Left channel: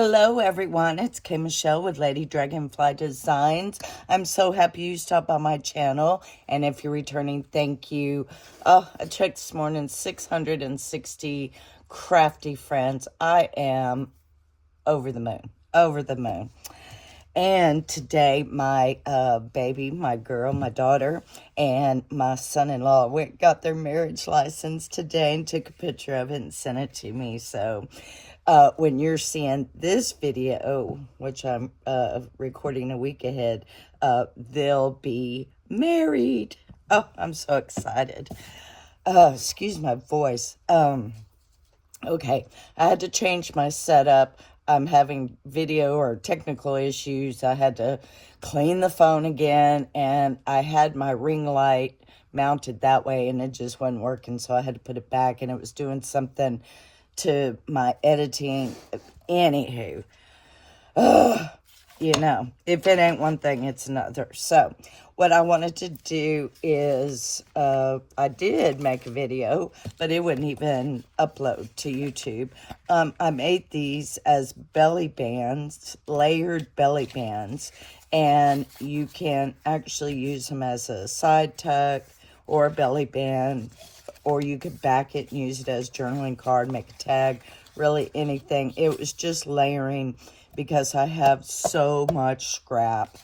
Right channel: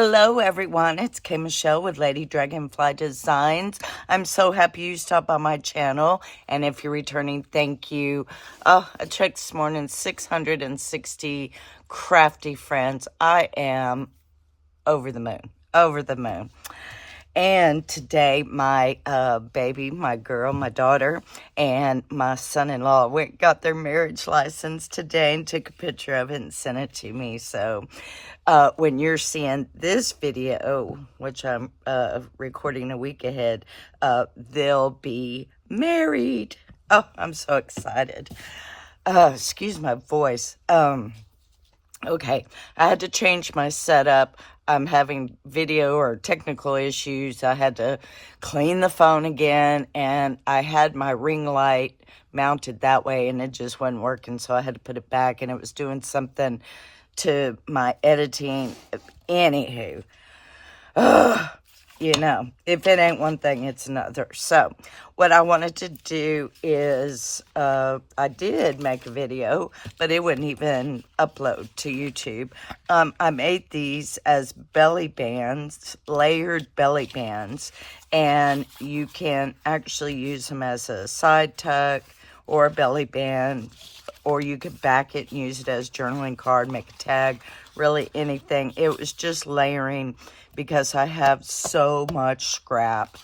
Hello everyone, it's K Michelle with Lady Dragonfly Designs. I'm so happy you stopped by my channel, and if you're returning, thank you. I checked this morning, 660 crafty friends. I am over the moon, over the moon. And today, my baby, my girl, my daughter, and my son-in-law got their marriage license today and took a picture of it and sent it to me. So when you're seeing this video, which I'm recording a week ahead, they'll be married. Oh, I'm so excited. Excuse my voice. Okay, I had to change my setup. I'm having video or technical issues. I had to clean the phone again, and I had my ring light mounted that way, and it just wasn't working, so I had to put it back, and it was doing something to my editing. Anywho, you know, if it ain't one thing, it's another. So what I wanted to do is, I did make a video, but it wouldn't even upload to YouTube. I made these as belly bands, layered belly bands, and you can actually use them as a side tuck or a belly band, or you could back it and use it as journaling card, make a tag, really anything. It was just layering because I have so much scrap.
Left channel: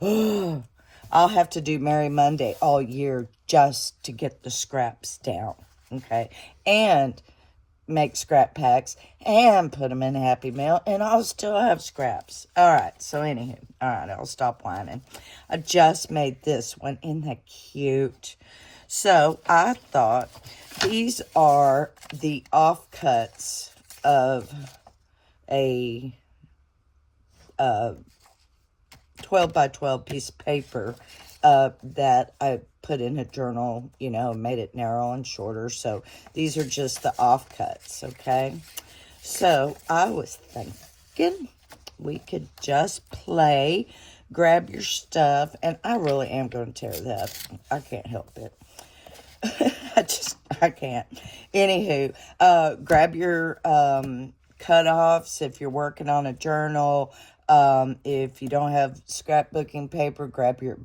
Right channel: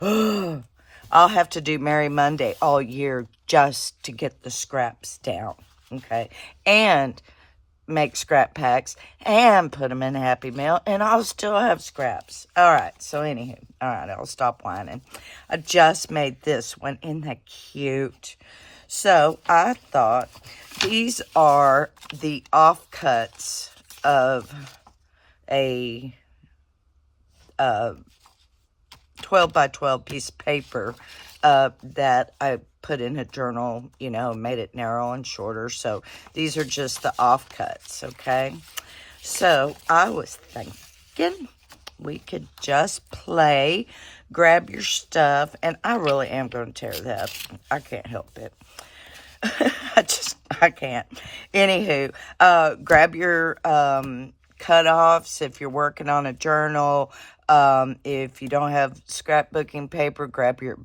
I'll have to do Merry Monday all year just to get the scraps down, okay? And make scrap packs and put them in Happy Mail, and I'll still have scraps. All right, so anywho, all right, I'll stop whining. I just made this one. Isn't that cute? So I thought these are the offcuts of a 12 by 12 piece of paper that I put in a journal, you know, made it narrow and shorter. So these are just the offcuts, okay? So I was thinking we could just play, grab your stuff, and I really am going to tear that. I can't help it. I can't. Anywho, grab your cutoffs if you're working on a journal. If you don't have scrapbooking paper, grab your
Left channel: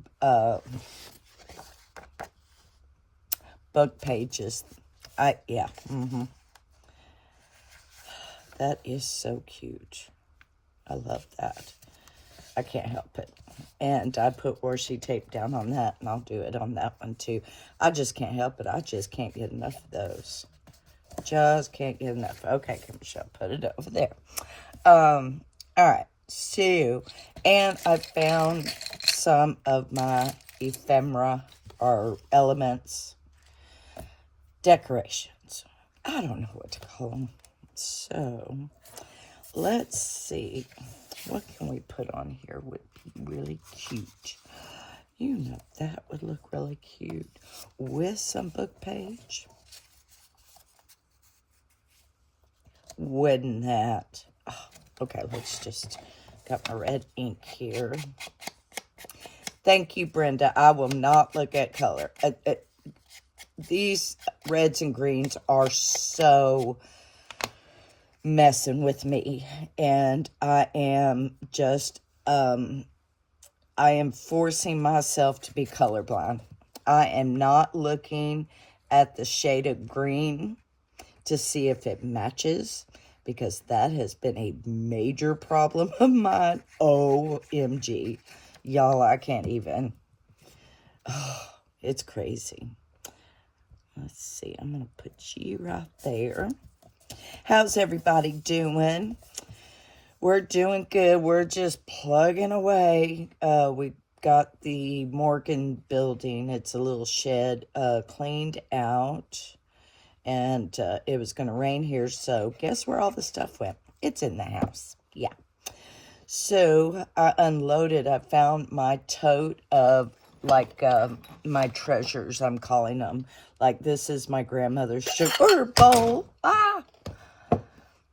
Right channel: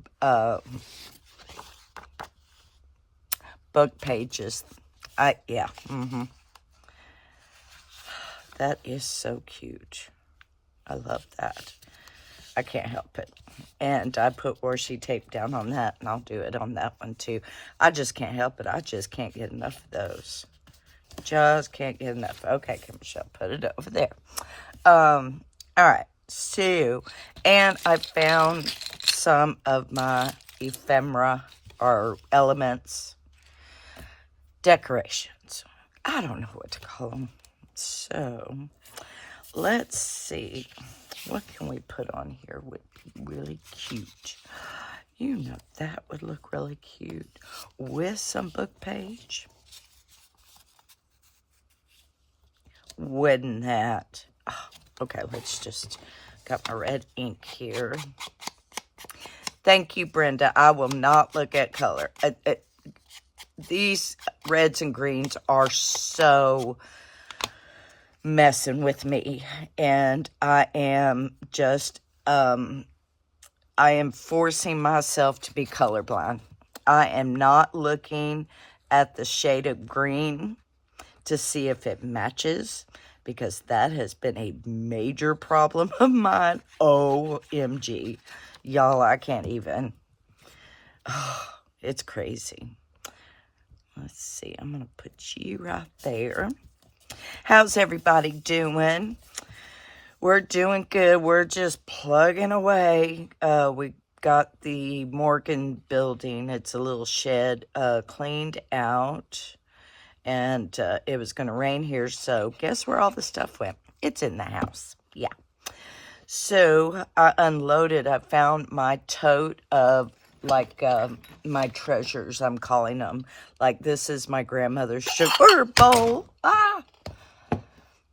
book pages. Yeah. That is so cute. I love that. I can't help it. And I put washi tape down on that, and I'll do it on that one too. I just can't help it. I just can't get enough of those. Just can't get enough. Okay, Michelle, put it over there. All right. So, and I found some of my ephemera or elements decorations. I don't know what to call them. So, let's see. What can we put on here would be really cute? You know, that would look really cute with some book page. Wouldn't that? Oh, okay, let's just, got my red ink here. Thank you, Brenda. I will not look at color. These reds and greens are so messing with me, and I am just, I am forcing myself to be colorblind. I am not looking at the shade of green to see if it matches, because that has been a major problem of mine. OMG. Y'all, I can't even. Oh, it's crazy. Let's see. I'm going to put you right there. How's everybody doing? We're doing good. We're just plugging away. We got the Morgan building. It's a little shed cleaned out. And it was going to rain here, so guess where all the stuff went? It's in the house. Yeah. So I unloaded. I found my tote of, like, my treasures, I'm calling them. Like, this is my grandmother's sugar bowl.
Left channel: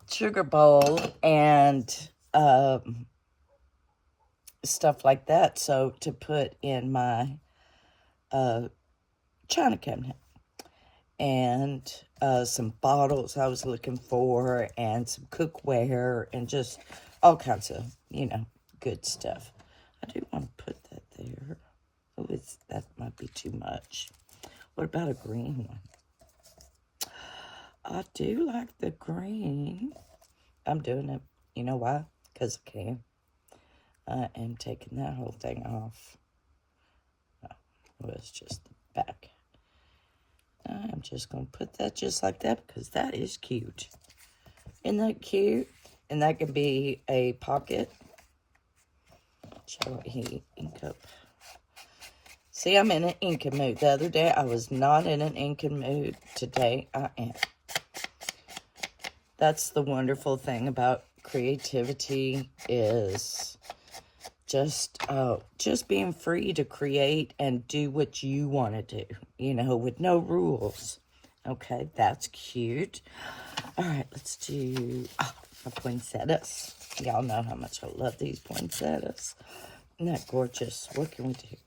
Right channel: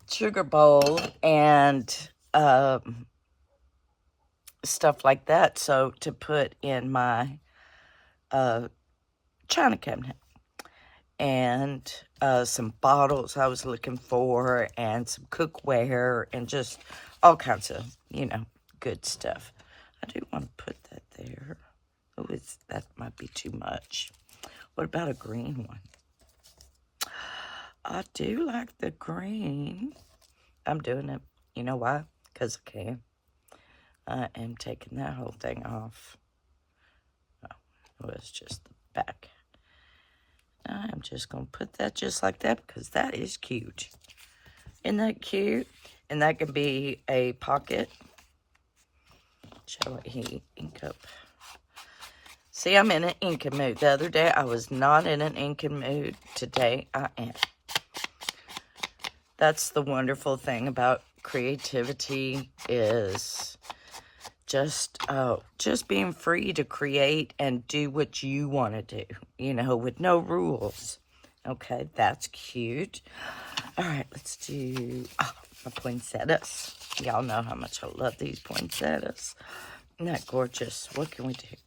Sugar bowl and stuff like that. So to put in my china cabinet. and some bottles I was looking for, and some cookware, and just all kinds of, you know, good stuff. I do want to put that there. Oh, that might be too much. What about a green one? I do like the green. I'm doing it. You know why? Because I can. I am taking that whole thing off. Oh, it's just the back. I'm just going to put that just like that because that is cute. Isn't that cute? And that can be a pocket. Shall we ink up? See, I'm in an inking mood. The other day, I was not in an inking mood. Today, I am. That's the wonderful thing about creativity is just being free to create and do what you want to do, you know, with no rules. Okay, that's cute. All right, let's do my poinsettias. Y'all know how much I love these poinsettias. Isn't that gorgeous? What can we do?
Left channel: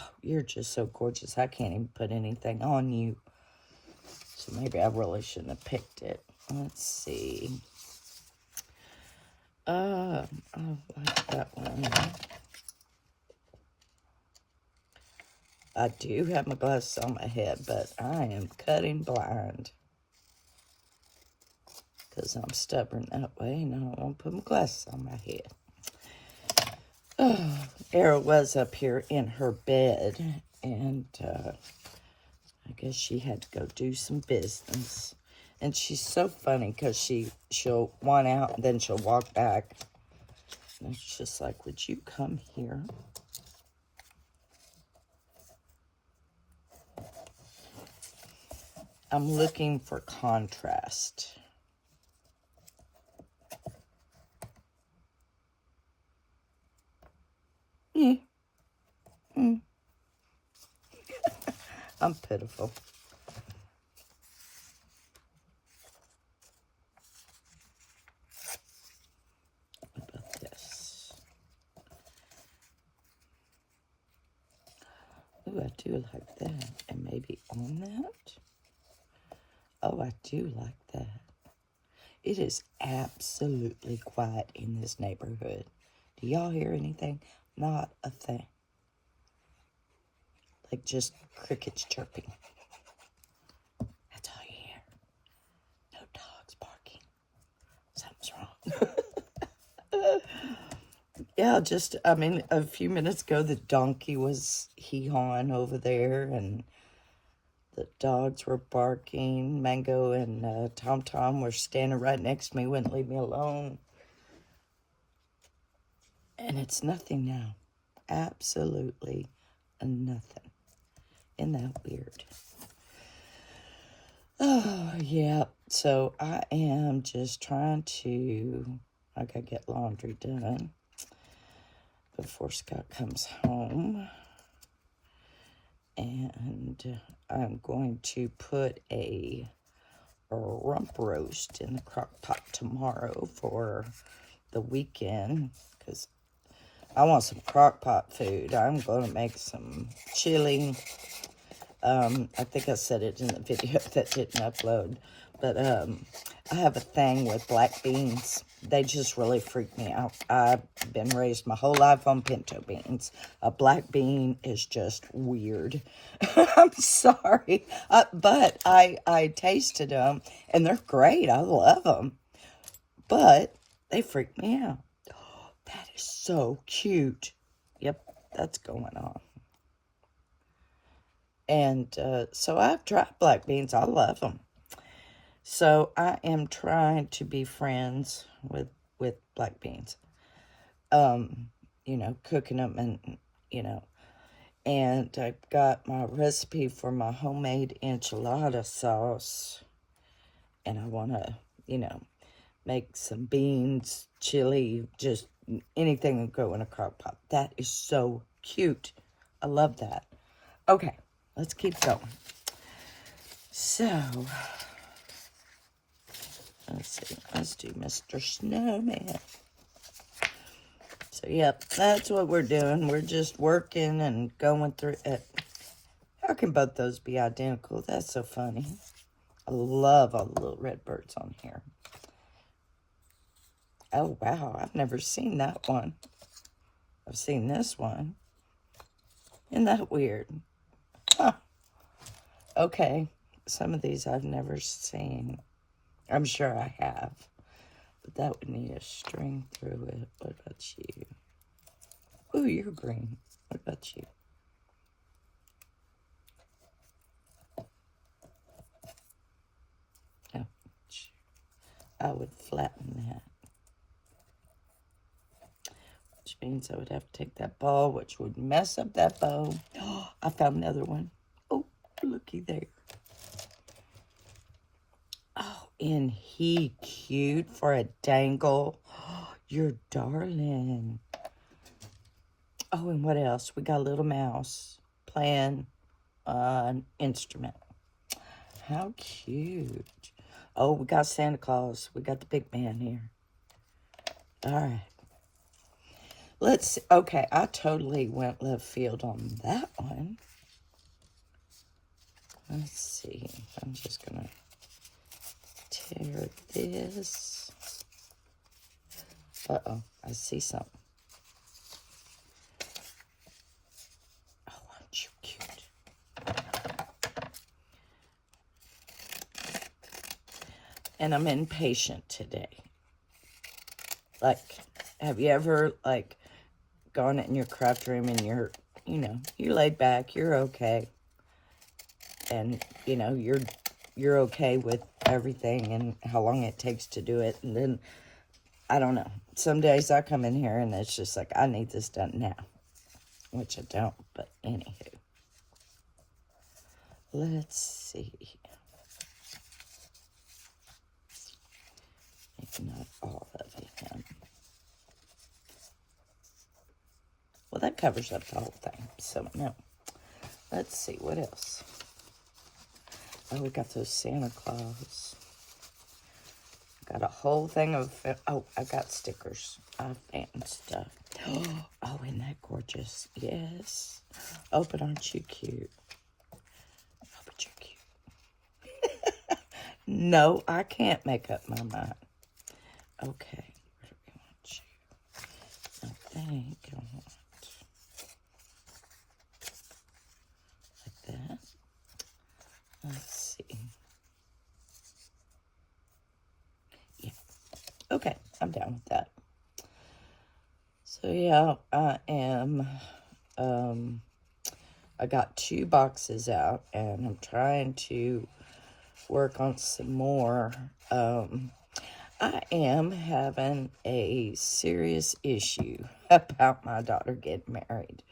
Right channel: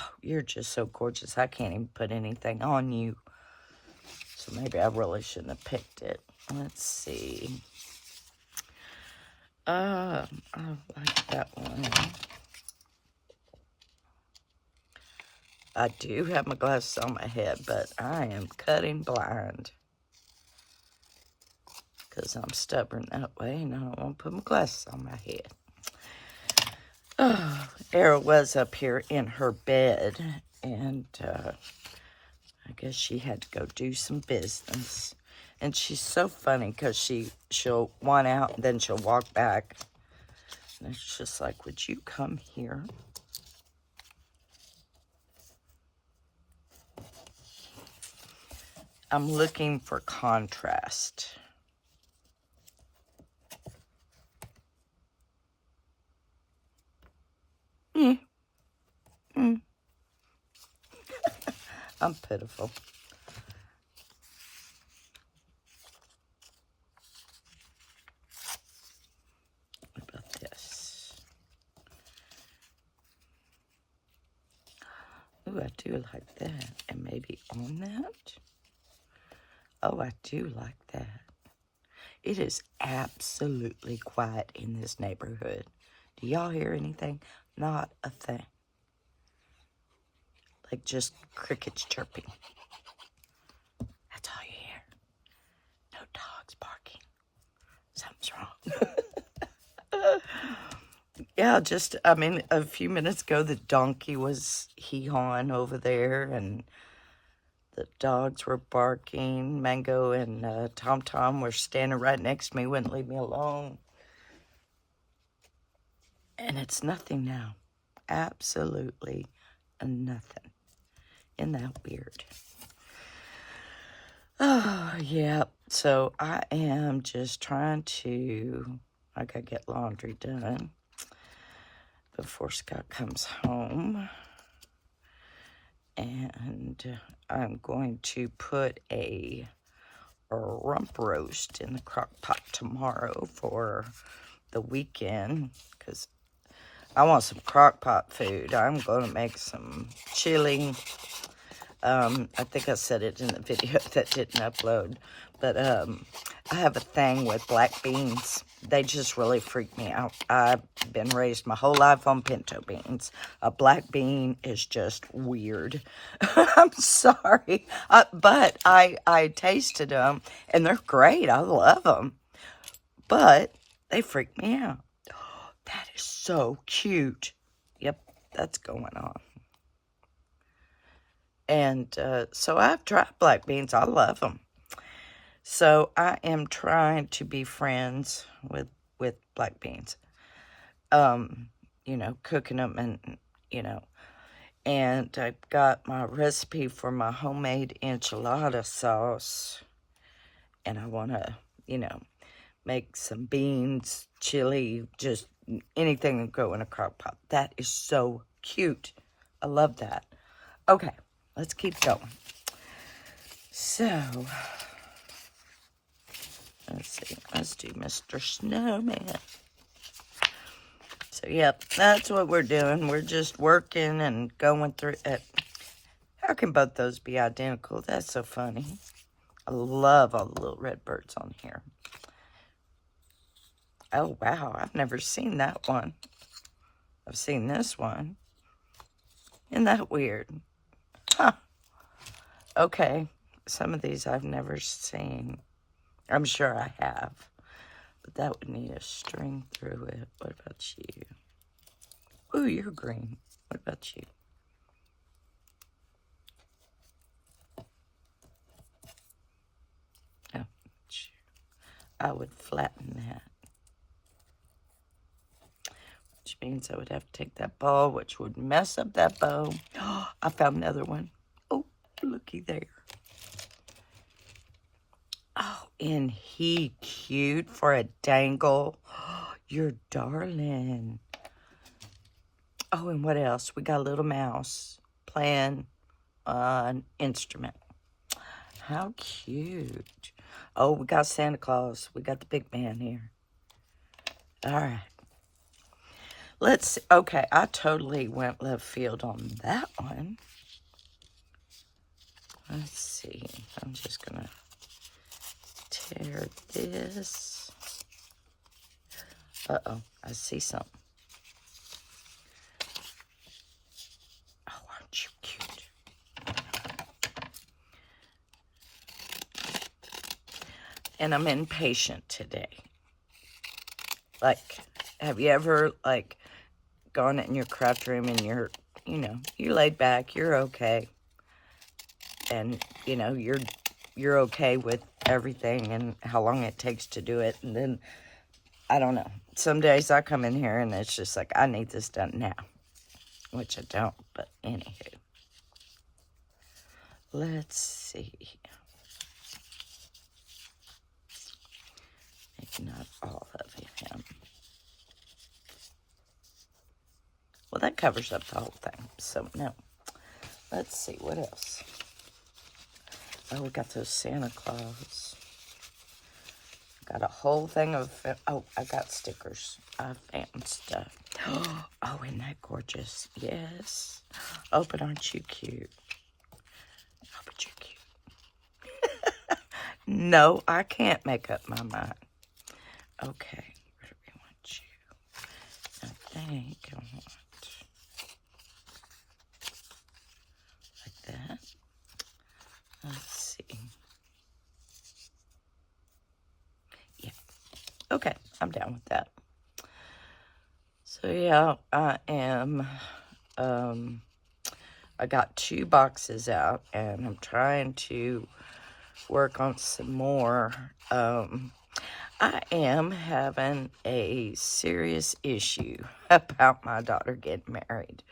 Oh, you're just so gorgeous. I can't even put anything on you. So maybe I really shouldn't have picked it. Let's see. I like that one. I do have my glasses on my head, but I am cutting blind. Because I'm stubborn that way, and I don't want to put my glasses on my head. Oh, Era was up here in her bed, and I guess she had to go do some business. And she's so funny because she'll whine out and then she'll walk back. And it's just like, would you come here? I'm looking for contrast. I'm pitiful. What about this? Ooh, I do like that. And maybe on that? Oh, I do like that. It is absolutely quiet in this neighborhood. Do y'all hear anything? Not a thing. Like just crickets chirping. That's all you hear. No dogs barking. Something's wrong. Yeah, just, I mean, a few minutes ago, the donkey was hee-hawing over there, and the dogs were barking. Mango and Tom were standing right next to me, wouldn't leave me alone. And it's nothing now. Absolutely nothing. Isn't that weird? Oh, yeah. So I am just trying to, I gotta get laundry done before Scott comes home. And I'm going to put a rump roast in the crock pot tomorrow for the weekend because I want some crock pot food. I'm going to make some chili. I think I said it in the video that didn't upload. But I have a thing with black beans. They just really freak me out. I've been raised my whole life on pinto beans. A black bean is just weird. I'm sorry. But I tasted them, and they're great. I love them. But they freak me out. Oh, that is so cute. Yep, that's going on. And so I've tried black beans. I love them. So I am trying to be friends with black beans. You know, cooking them and, you know. And I've got my recipe for my homemade enchilada sauce. And I want to, you know, make some beans, chili, just anything that go in a crock pot. That is so cute. I love that. Okay, let's keep going. So, let's see. Let's do Mr. Snowman. So, yep, that's what we're doing. We're just working and going through it. How can both those be identical? That's so funny. I love all the little red birds on here. Oh, wow. I've never seen that one. I've seen this one. Isn't that weird? Huh. Okay. Some of these I've never seen. I'm sure I have. But that would need a string through it. What about you? Ooh, you're green. What about you? Oh, I would flatten that. Which means I would have to take that ball, which would mess up that bow. Oh, I found another one. Oh, looky there. Oh, isn't he cute for a dangle? Oh, you're darling. Oh, and what else? We got a little mouse playing an instrument. How cute. Oh, we got Santa Claus. We got the big man here. All right. Let's see. Okay, I totally went left field on that one. Let's see. I'm just going to tear this. Uh-oh, I see something. Oh, aren't you cute? And I'm impatient today. Like, have you ever, like, gone in your craft room and you're, you know, you laid back, you're okay. And, you know, you're okay with everything and how long it takes to do it. And then, I don't know. Some days I come in here and it's just like, I need this done now. Which I don't, but anywho. Let's see. Maybe not all of him. Well, that covers up the whole thing, so no. Let's see, what else? Oh, we got those Santa Claus. Got a whole thing of, oh, I got stickers. I found stuff. Oh, isn't that gorgeous? Yes. Oh, but aren't you cute? Oh, but you're cute. No, I can't make up my mind. Okay, where do we want you? I think I want like that. Let's see. Yeah. Okay, I'm down with that. So yeah, I am, I got 2 boxes out and I'm trying to work on some more. I am having a serious issue about my daughter getting married.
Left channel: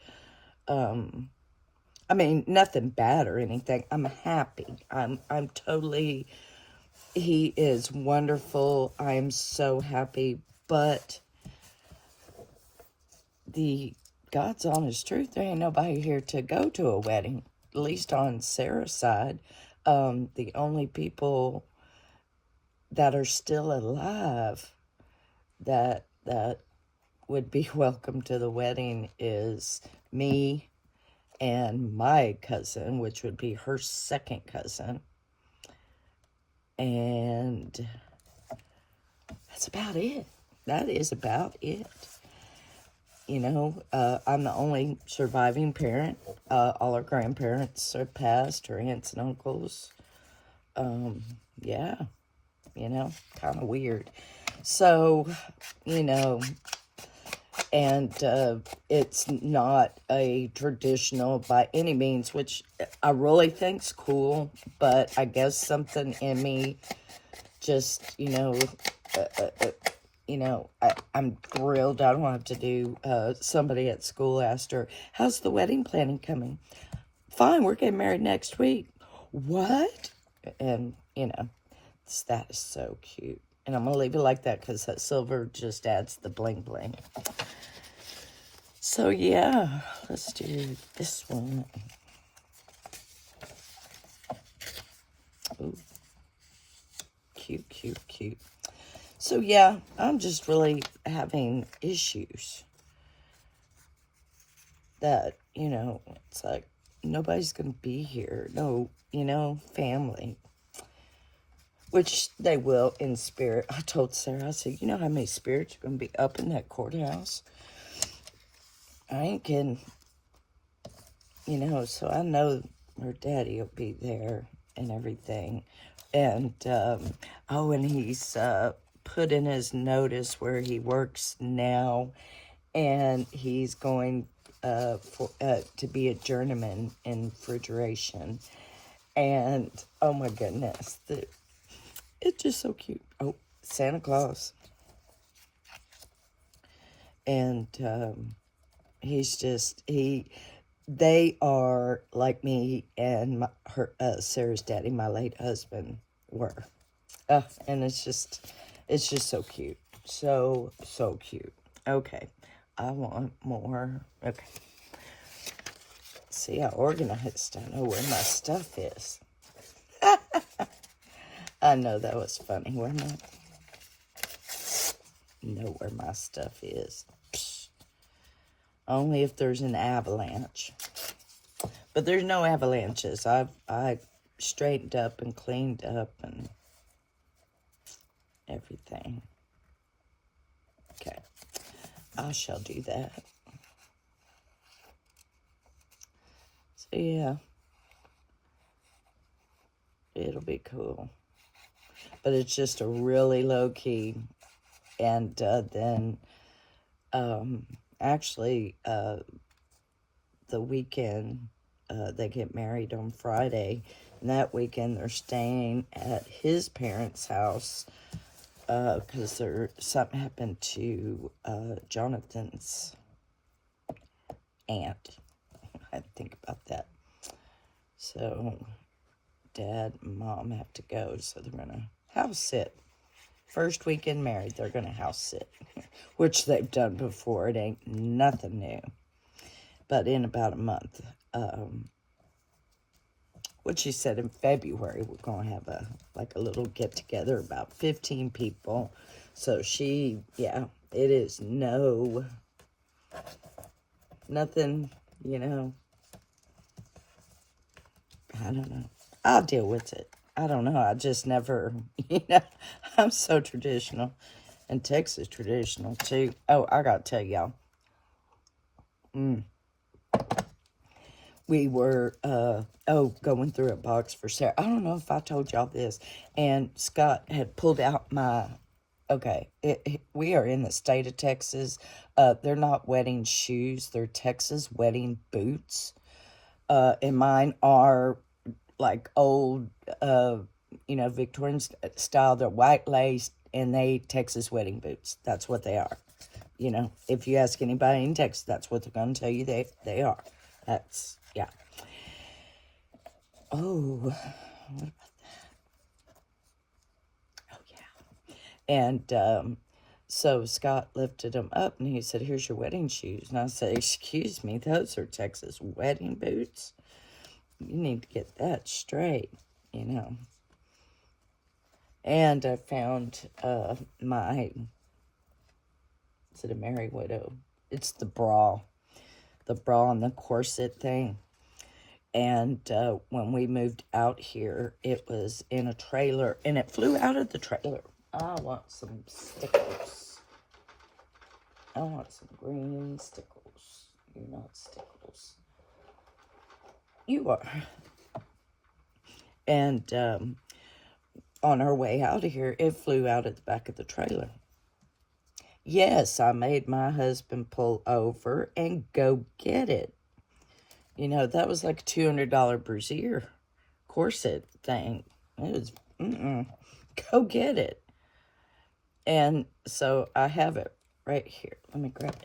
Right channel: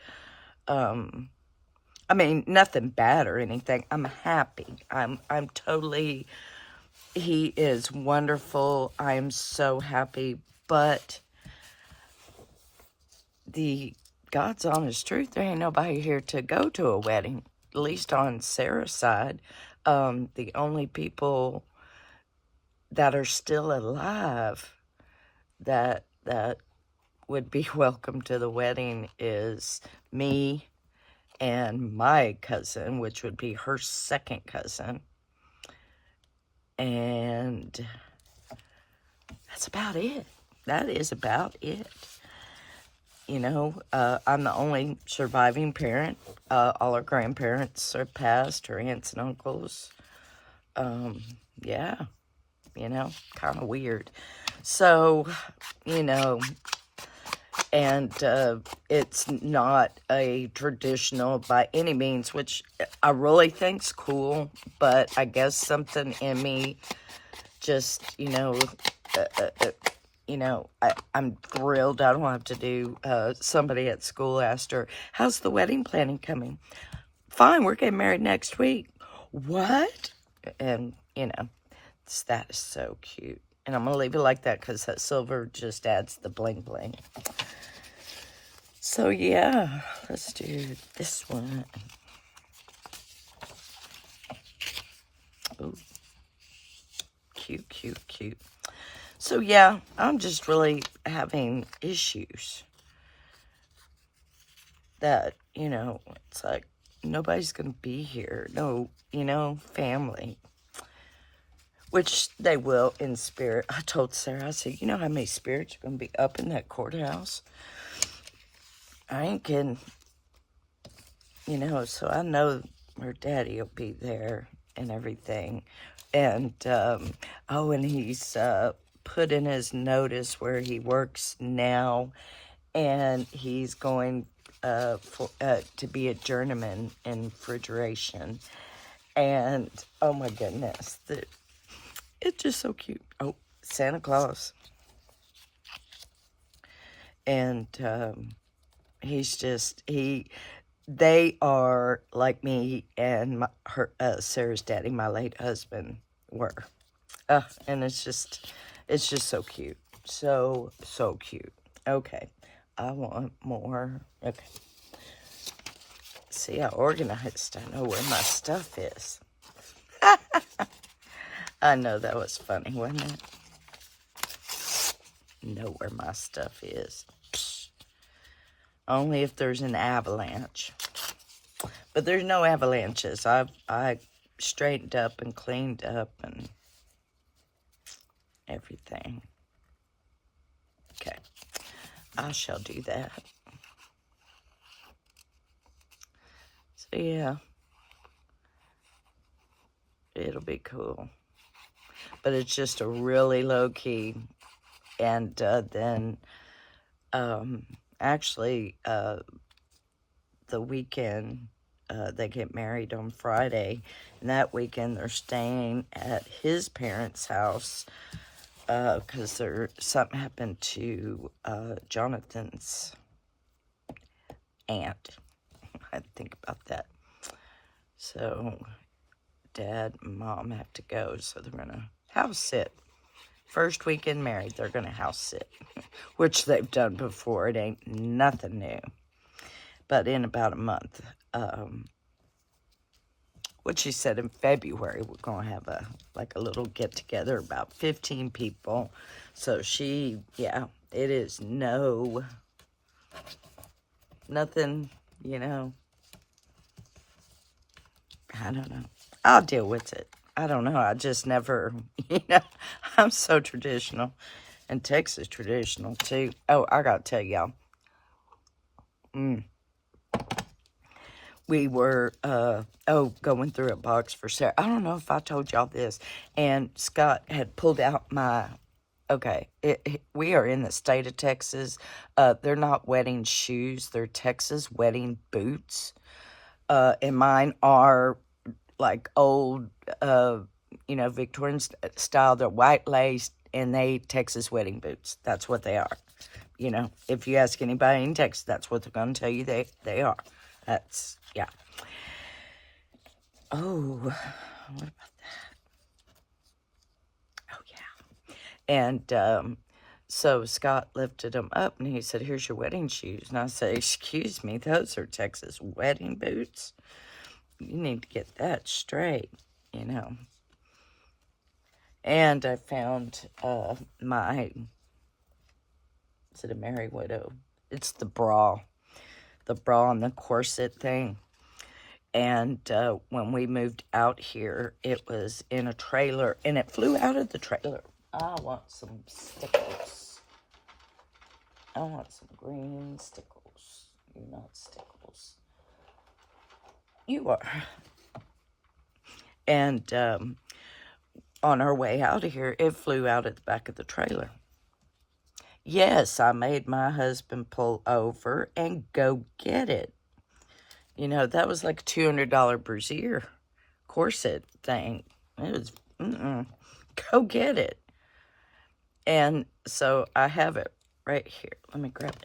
I mean, nothing bad or anything. I'm happy. I'm totally, he is wonderful. I am so happy, but God's honest truth, there ain't nobody here to go to a wedding, at least on Sarah's side. The only people that are still alive that would be welcome to the wedding is me and my cousin, which would be her second cousin. And that's about it. That is about it. You know, I'm the only surviving parent. All our grandparents are passed, her aunts and uncles. Yeah, you know, kind of weird. So, you know, and it's not a traditional by any means, which I really think's cool, but I guess something in me just, you know, I'm thrilled. I don't have to do, somebody at school asked her, how's the wedding planning coming? Fine, we're getting married next week. What? And, you know, that is so cute. And I'm going to leave it like that because that silver just adds the bling bling. So, yeah, let's do this one. Ooh. Cute, cute, cute. So, yeah, I'm just really having issues that, you know, it's like, nobody's going to be here. No, you know, family. Which they will in spirit. I told Sarah, I said, you know how many spirits are going to be up in that courthouse? I ain't kidding. You know, so I know her daddy will be there and everything. And, oh, and he's put in his notice where he works now, and he's going to be a journeyman in refrigeration. And, oh my goodness, it's just so cute. Oh, Santa Claus. And they are like me and Sarah's daddy, my late husband, were. And it's just so cute. So cute. Okay. I want more. Okay. See how organized I know where my stuff is. I know that was funny, wasn't it? Know where my stuff is. Psh. Only if there's an avalanche. But there's no avalanches. I straightened up and cleaned up and everything. Okay. I shall do that. So yeah. It'll be cool. But it's just a really low key. And then actually the weekend they get married on Friday, and that weekend they're staying at his parents' house because something happened to Jonathan's aunt. I had to think about that. So Dad and Mom have to go, so they're gonna house sit. First weekend married, they're gonna house sit, which they've done before. It ain't nothing new. But in about a month, what she said in February, we're gonna have a little get together, about 15 people. So yeah, it is nothing, you know. I don't know. I'll deal with it. I don't know. I just never, you know, I'm so traditional. And Texas traditional, too. Oh, I got to tell y'all. We were, going through a box for Sarah. I don't know if I told y'all this. And Scott had pulled out we are in the state of Texas. They're not wedding shoes. They're Texas wedding boots. And mine are like old, Victorian style. They're white lace, and they Texas wedding boots. That's what they are. You know, if you ask anybody in Texas, that's what they're going to tell you they are. That's, yeah. Oh, what about that? Oh, yeah. And so Scott lifted them up, and he said, here's your wedding shoes. And I said, excuse me, those are Texas wedding boots. You need to get that straight, you know. And I found is it a Merry Widow? It's the bra and the corset thing. And when we moved out here, it was in a trailer, and it flew out of the trailer. I want some stickles. I want some green stickles. You're not stickles. You are. And on our way out of here, it flew out at the back of the trailer. Yes, I made my husband pull over and go get it. You know, that was like a $200 brassiere corset thing. It was, go get it. And so I have it right here. Let me grab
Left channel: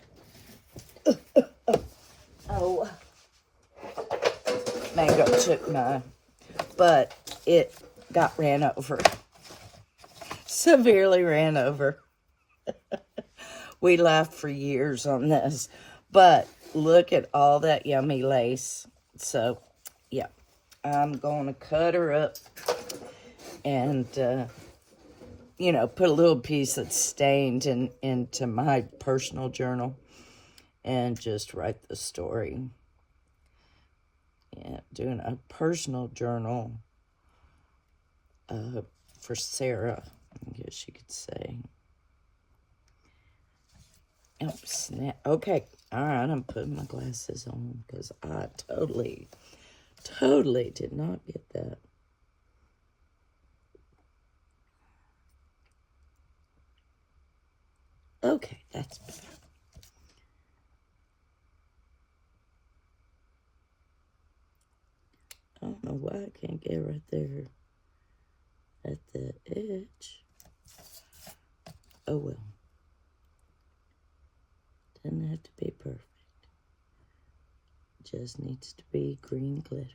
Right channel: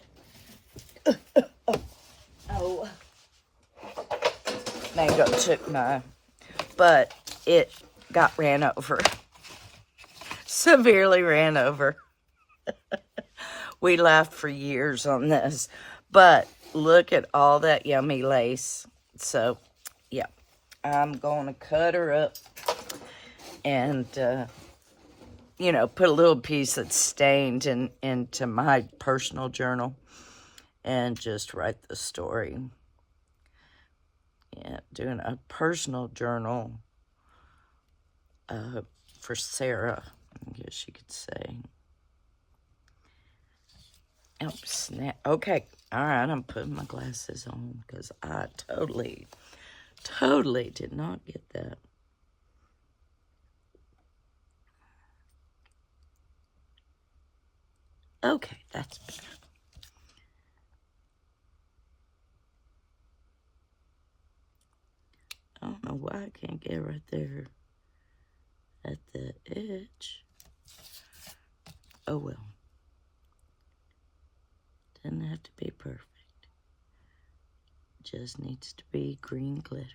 it. Oh. Mango took mine. But it got ran over. Severely ran over. We laughed for years on this. But look at all that yummy lace. So, yeah. I'm going to cut her up and, put a little piece that's stained into my personal journal and just write the story. Yeah, doing a personal journal for Sarah, I guess you could say. Oh, snap. Okay. All right, I'm putting my glasses on because I totally did not get that. Okay, that's better. I don't know why I can't get right there at the edge. Oh, well. Doesn't have to be perfect. Just needs to be green glitter.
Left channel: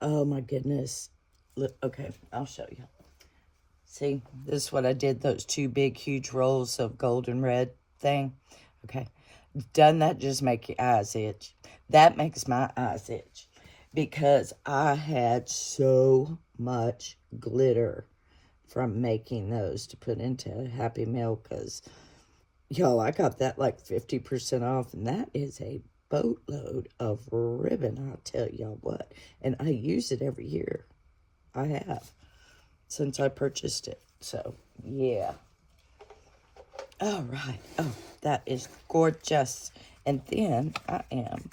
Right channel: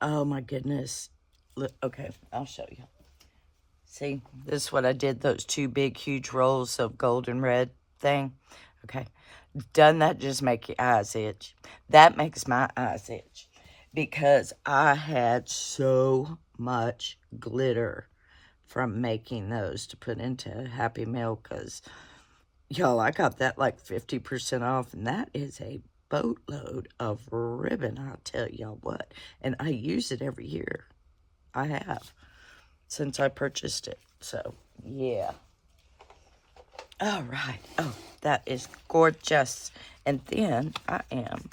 Oh, my goodness. Look, okay, I'll show you. See, this is what I did, those two big, huge rolls of golden red thing. Okay. Doesn't that just make your eyes itch? That makes my eyes itch because I had so much glitter from making those to put into Happy Meal because, y'all, I got that like 50% off, and that is a boatload of ribbon, I'll tell y'all what. And I use it every year. I have since I purchased it. So, yeah. All right. Oh, that is gorgeous. And then I am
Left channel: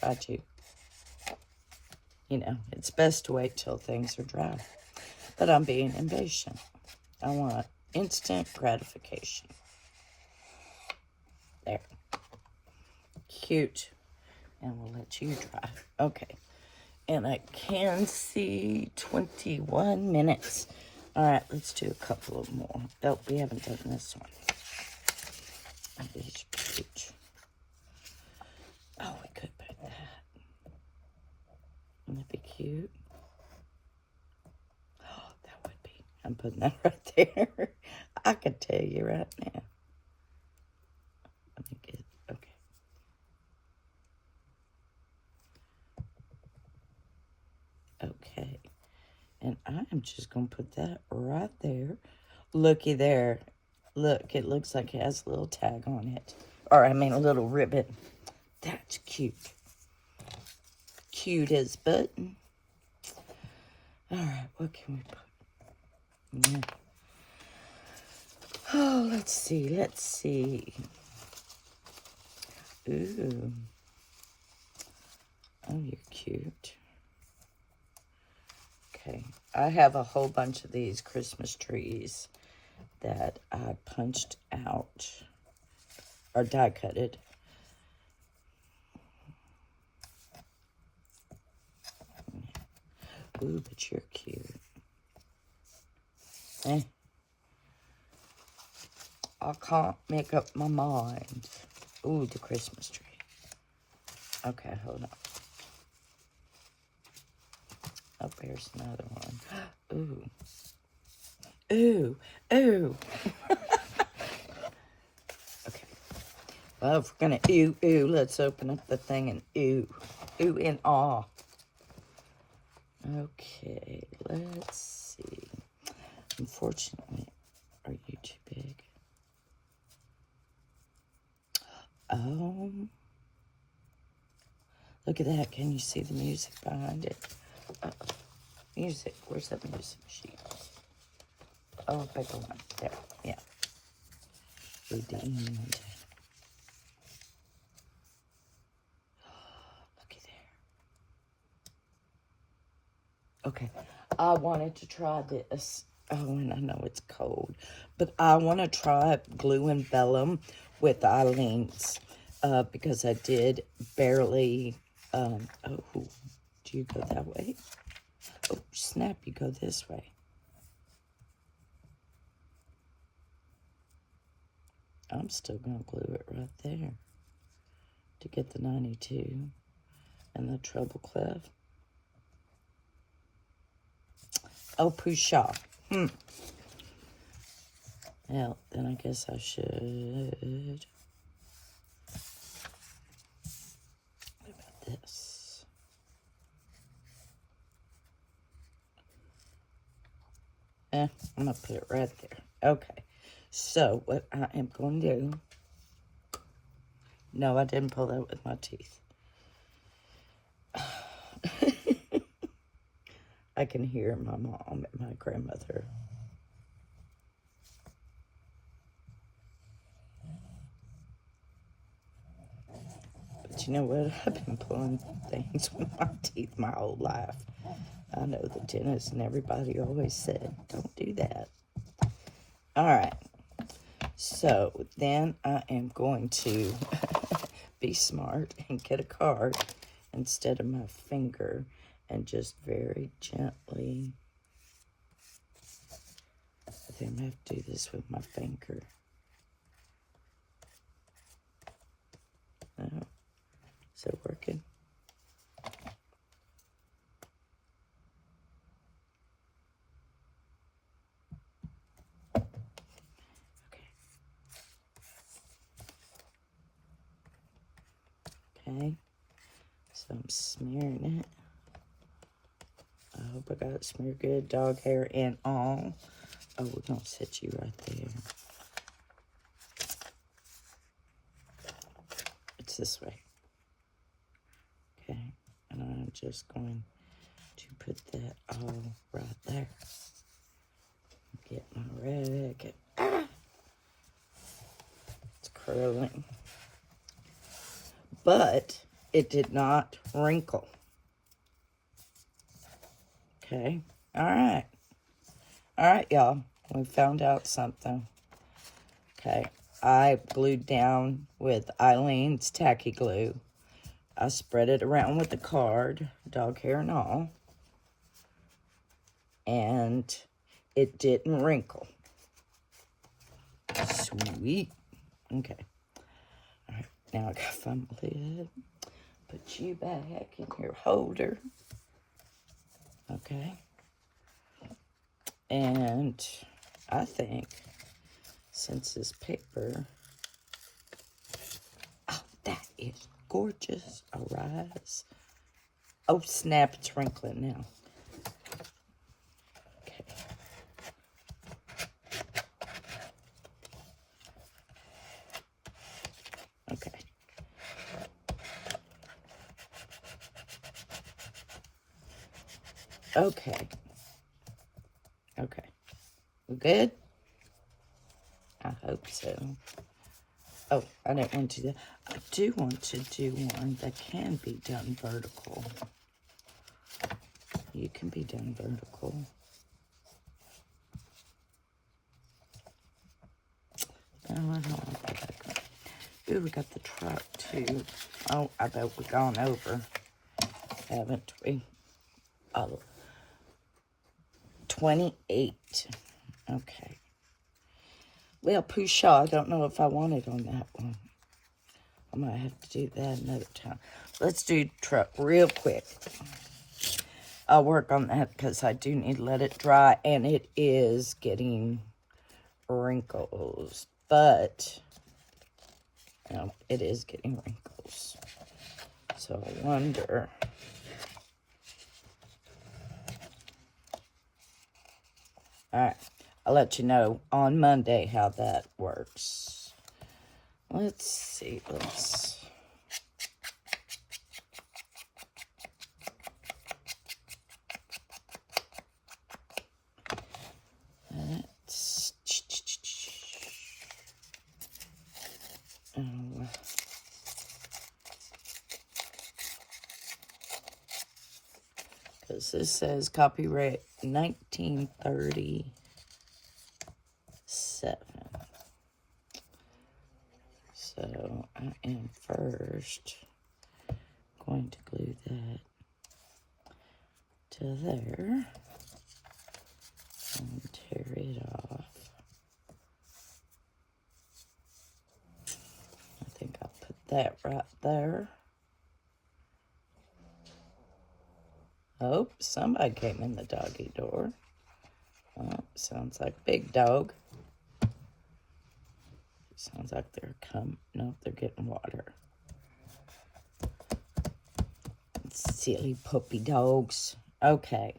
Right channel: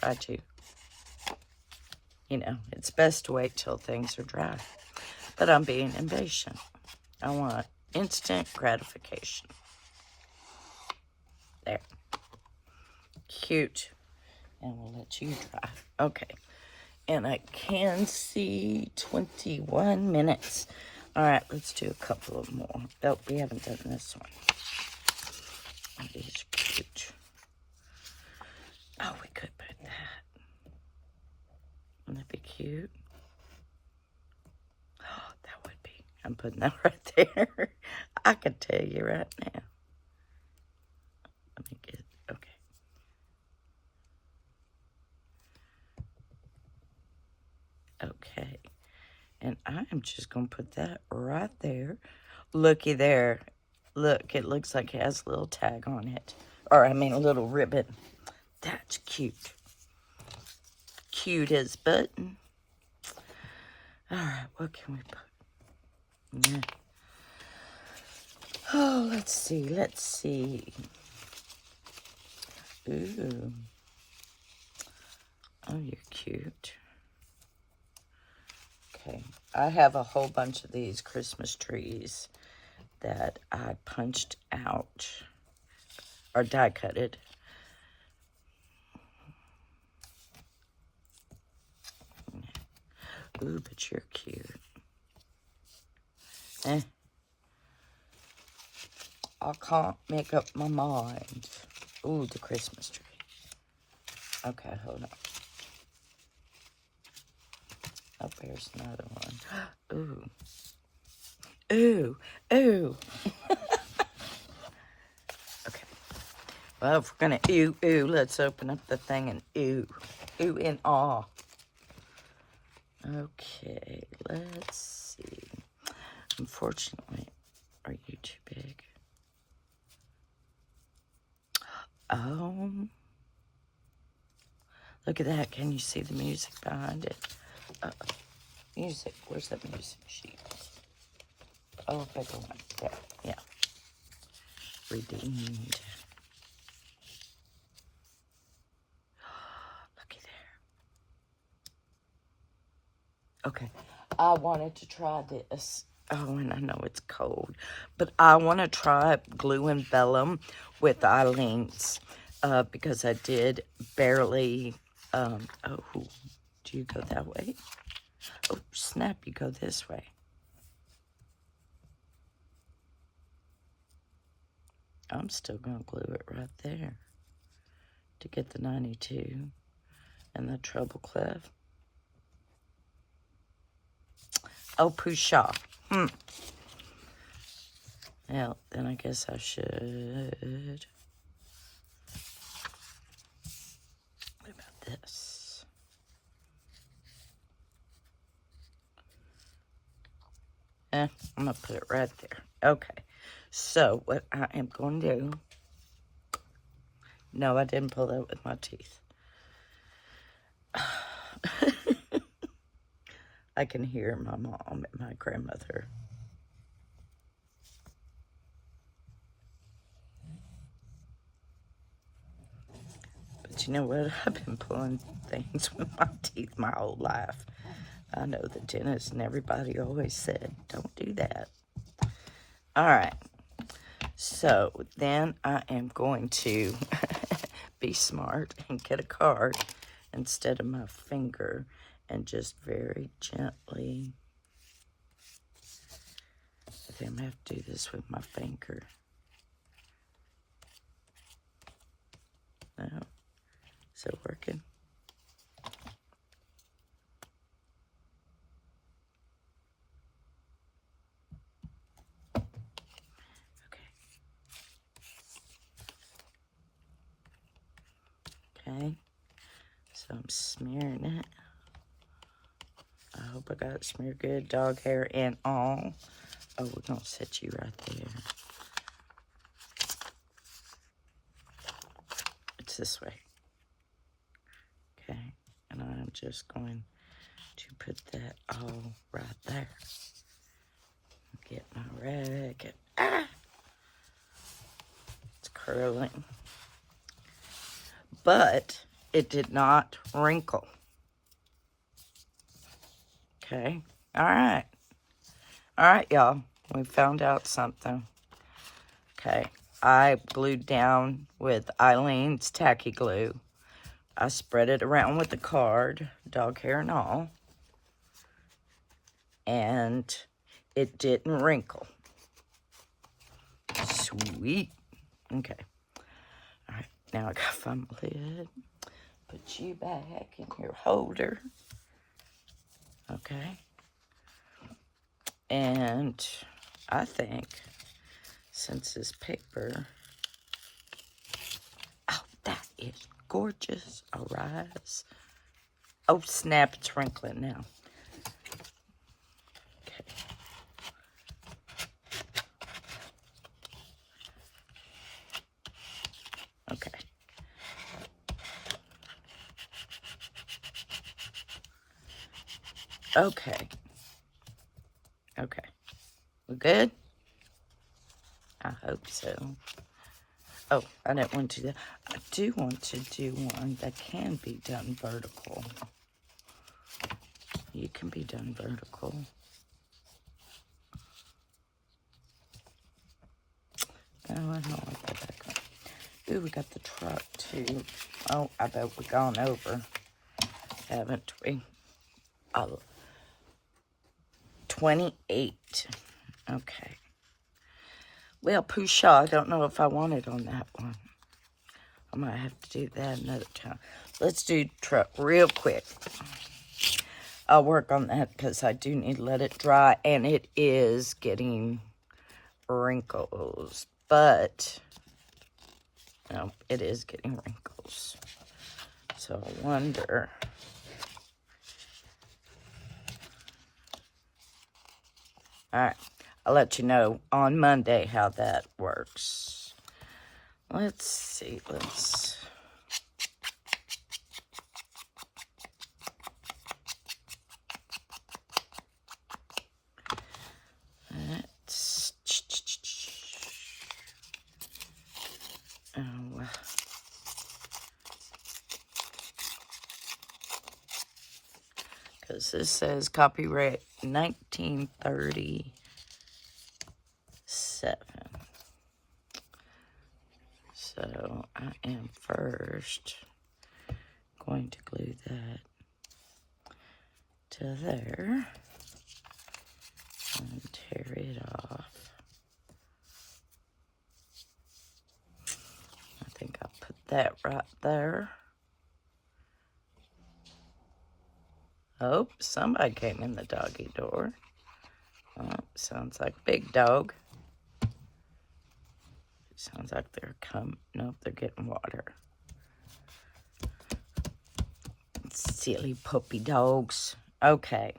try to, you know, it's best to wait till things are dry. But I'm being impatient. I want instant gratification. There. Cute. And we'll let you dry. Okay. And I can see 21 minutes. All right, let's do a couple of more. Oh, we haven't done this one. That is cute. Oh, we could put that. Wouldn't that be cute? Oh, that would be. I'm putting that right there. I could tell you right now. Let me get, okay. Okay. And I'm just going to put that right there. Looky there. Look, it looks like it has a little tag on it. Or, I mean, a little ribbon. That's cute. Cute as button. All right, what can we put? Yeah. Oh, let's see. Ooh. Oh, you're cute. Okay, I have a whole bunch of these Christmas trees that I punched out or die cutted. Ooh, but you're cute. I can't make up my mind. Ooh, the Christmas tree. Okay, hold on. Oh, there's another one. Ooh. Ooh. Ooh. Okay. Well, if we're going to ooh, let's open up the thing and ooh. Ooh and awe. Okay, let's see. Unfortunately, are you too big? Oh. Look at that. Can you see the music behind it? Music. Where's that music sheet? Oh, bigger one. There. Yeah. Redeemed. Looky there. Okay. I wanted to try this. Oh, and I know it's cold. But I want to try glue and vellum with Eileen's. Because I did barely... oh, do you go that way? Oh, snap, you go this way. I'm still going to glue it right there to get the 92 and the treble clef. Oh, pusha. Now, then I guess I should. What about this? I'm going to put it right there. Okay. So what I am going to do, no, I didn't pull that with my teeth. I can hear my mom and my grandmother. But you know what? I've been pulling things with my teeth my whole life. I know the dentist and everybody always said, don't do that. All right. So then I am going to be smart and get a card instead of my finger and just very gently. Okay, I'm going to have to do this with my finger. No. Is it working? Okay, so I'm smearing it. I hope I got it smeared good, dog hair and all. Oh, we're gonna set you right there. It's this way. Okay, and I'm just going to put that all right there. Get my rag. It's curling. But it did not wrinkle. Okay. All right. All right, y'all. We found out something. Okay. I glued down with Eileen's tacky glue. I spread it around with the card, dog hair and all. And it didn't wrinkle. Sweet. Okay. All right. Now I gotta find my lid. Put you back in your holder. Okay. And I think since this paper, oh, that is gorgeous. All right. Oh, snap, it's wrinkling now. Okay. Okay. Okay. Okay. We good? I hope so. Oh, I didn't want to do that. I do want to do one that can be done vertical. You can be done vertical. No, I don't like that. Ooh, we got the truck too. Oh, I bet we've gone over, haven't we? Oh, 28. Okay. Well, Pusha, I don't know if I want it on that one. I might have to do that another time. Let's do truck real quick. I'll work on that because I do need to let it dry, and it is getting wrinkles, but no, it is getting wrinkles. So I wonder. All right, I'll let you know on Monday how that works. Let's see, let's. Because this says copyright 1937. So I am first going to glue that to there and tear it off. I think I'll put that right there. Oh, somebody came in the doggy door. Oh, sounds like Big Dog. Sounds like they're nope, they're getting water. Silly puppy dogs. Okay.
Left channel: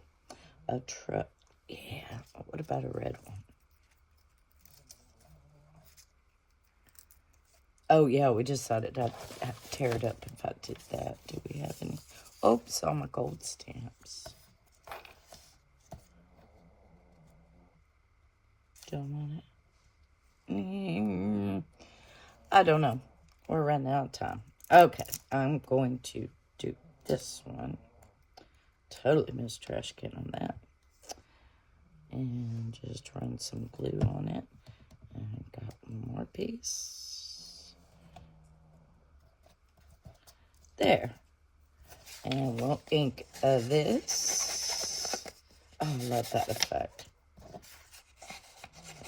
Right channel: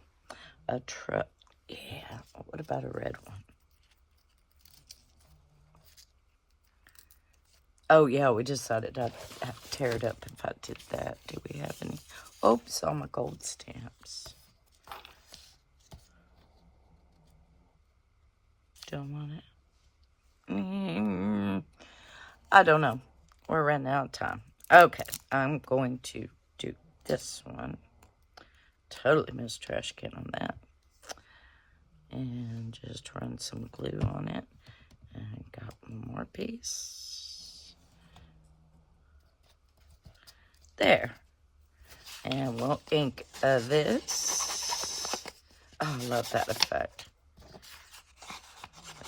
A truck. Yeah. What about a red one? Oh, yeah, we decided I'd tear it up if I did that. Do we have any? Oops, all my gold stamps. Don't want it. I don't know. We're running out of time. Okay, I'm going to do this one. Totally missed trash can on that. And just run some glue on it. And got one more piece. There. And we'll ink this. Oh, I love that effect.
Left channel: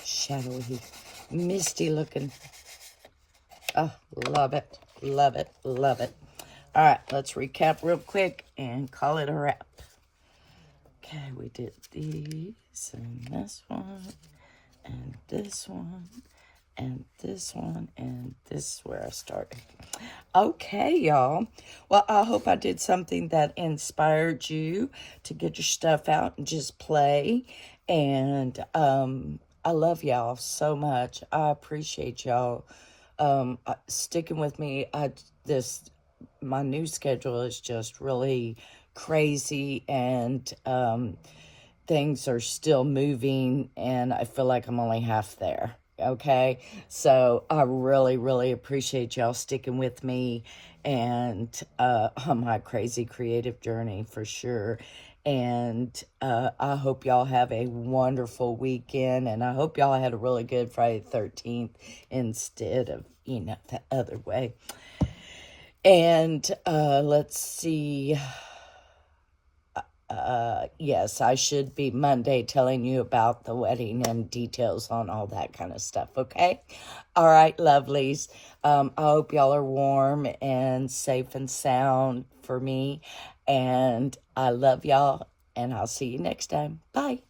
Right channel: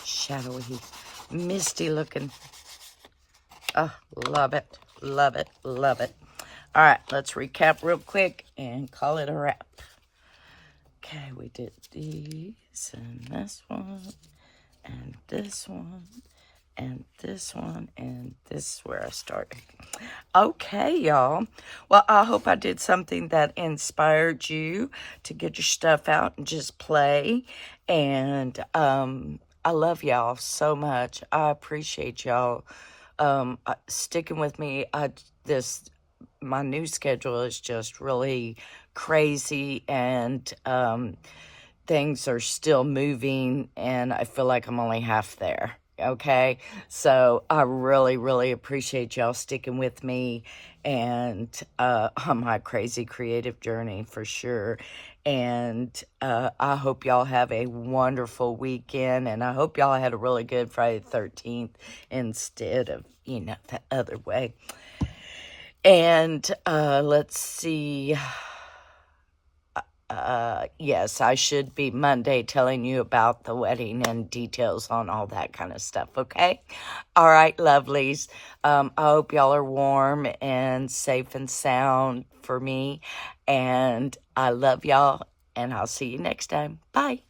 Shadowy, misty looking. Oh, love it, love it, love it. All right, let's recap real quick and call it a wrap. Okay, we did these and this one and this one and this one, and this is where I started. Okay, y'all. Well, I hope I did something that inspired you to get your stuff out and just play. And I love y'all so much. I appreciate y'all sticking with me. My new schedule is just really crazy, and things are still moving, and I feel like I'm only half there. Okay, so I really, really appreciate y'all sticking with me and on my crazy creative journey for sure. And I hope y'all have a wonderful weekend, and I hope y'all had a really good Friday the 13th instead of, the other way. And let's see. Yes, I should be Monday telling you about the wedding and details on all that kind of stuff, okay? All right, lovelies. I hope y'all are warm and safe and sound for me. And I love y'all, and I'll see you next time. Bye.